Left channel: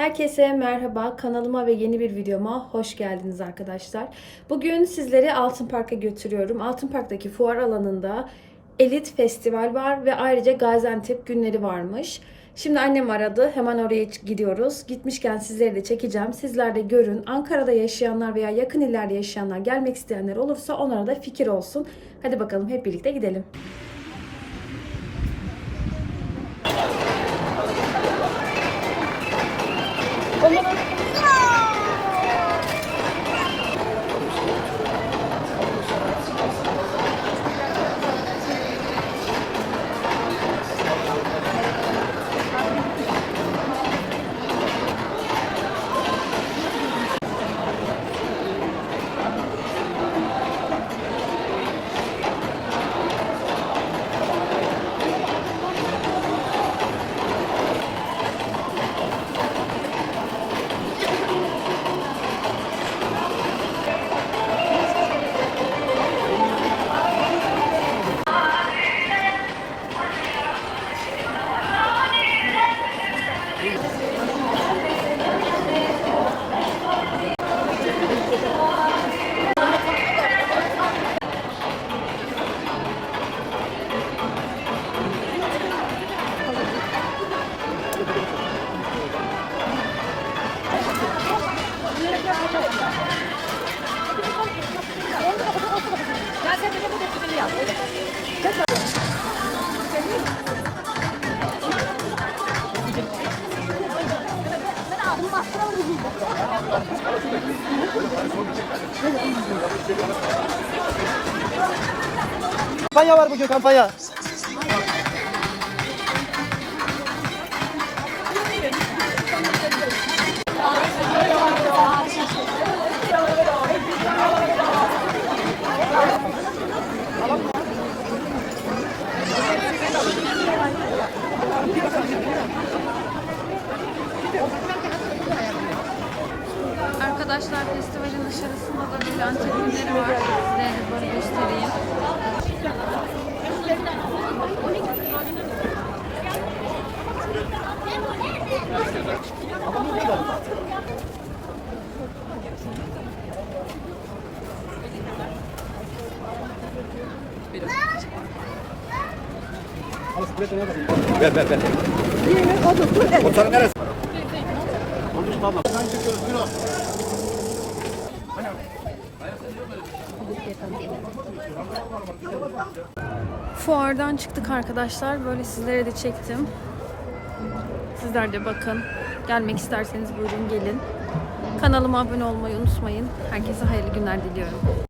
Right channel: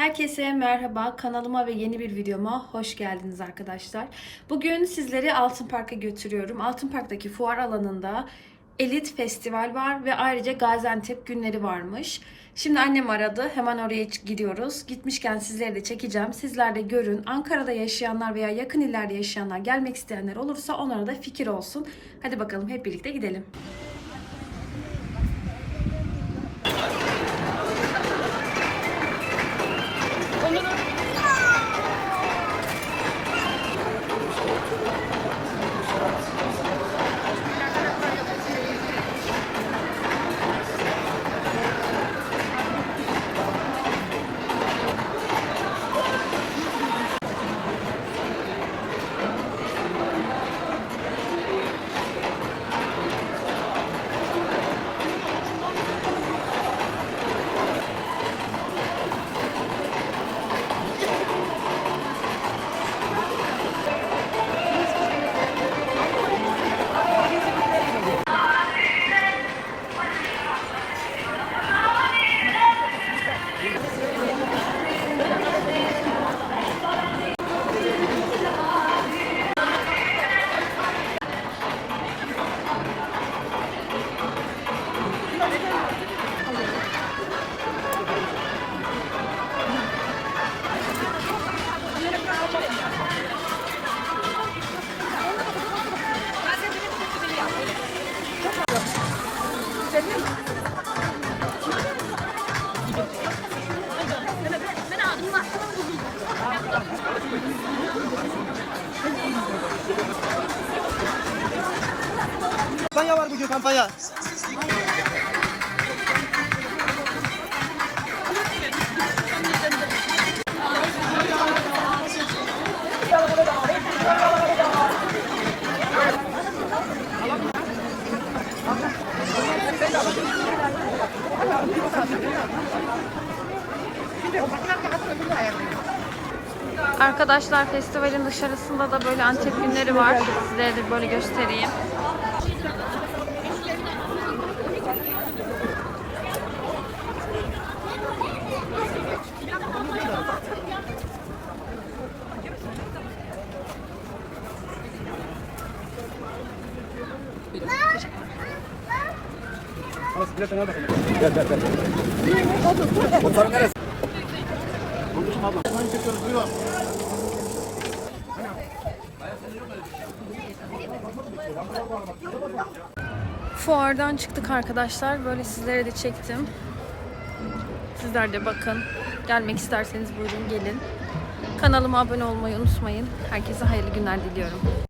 Herkese merhaba. Kanalıma ve yeni bir videoma hoş geldiniz arkadaşlar. Bugün sizleri Altın Park'a götürüyorum. Altın Park'taki fuar alanında Elit Festival var ve ayrıca Gaziantep günleri varmış. Şimdi annem aradı. Hemen oraya gidiyoruz. Gitmişken sizleri de çekeceğim. Sizler de görün. Ankara'da yaşayanlar veya yakın illerde yaşayanlar gelmek isteyenler olursa onlara da fikir olsun. Hadi bakalım hep birlikte gidelim. Kampanya var bugün kampanya. Arkadaşlar festivalin dışarısında da böyle Antep günleri var. Sizlere de böyle göstereyim. Ver ver ver. Komutanım neresi? Fuardan çıktık arkadaşlar. Böyle sizlere de çektim. Sizler de bakın. Gelmek isterseniz buyurun gelin. Kanalıma abone olmayı unutmayın. Herkese hayırlı günler diliyorum.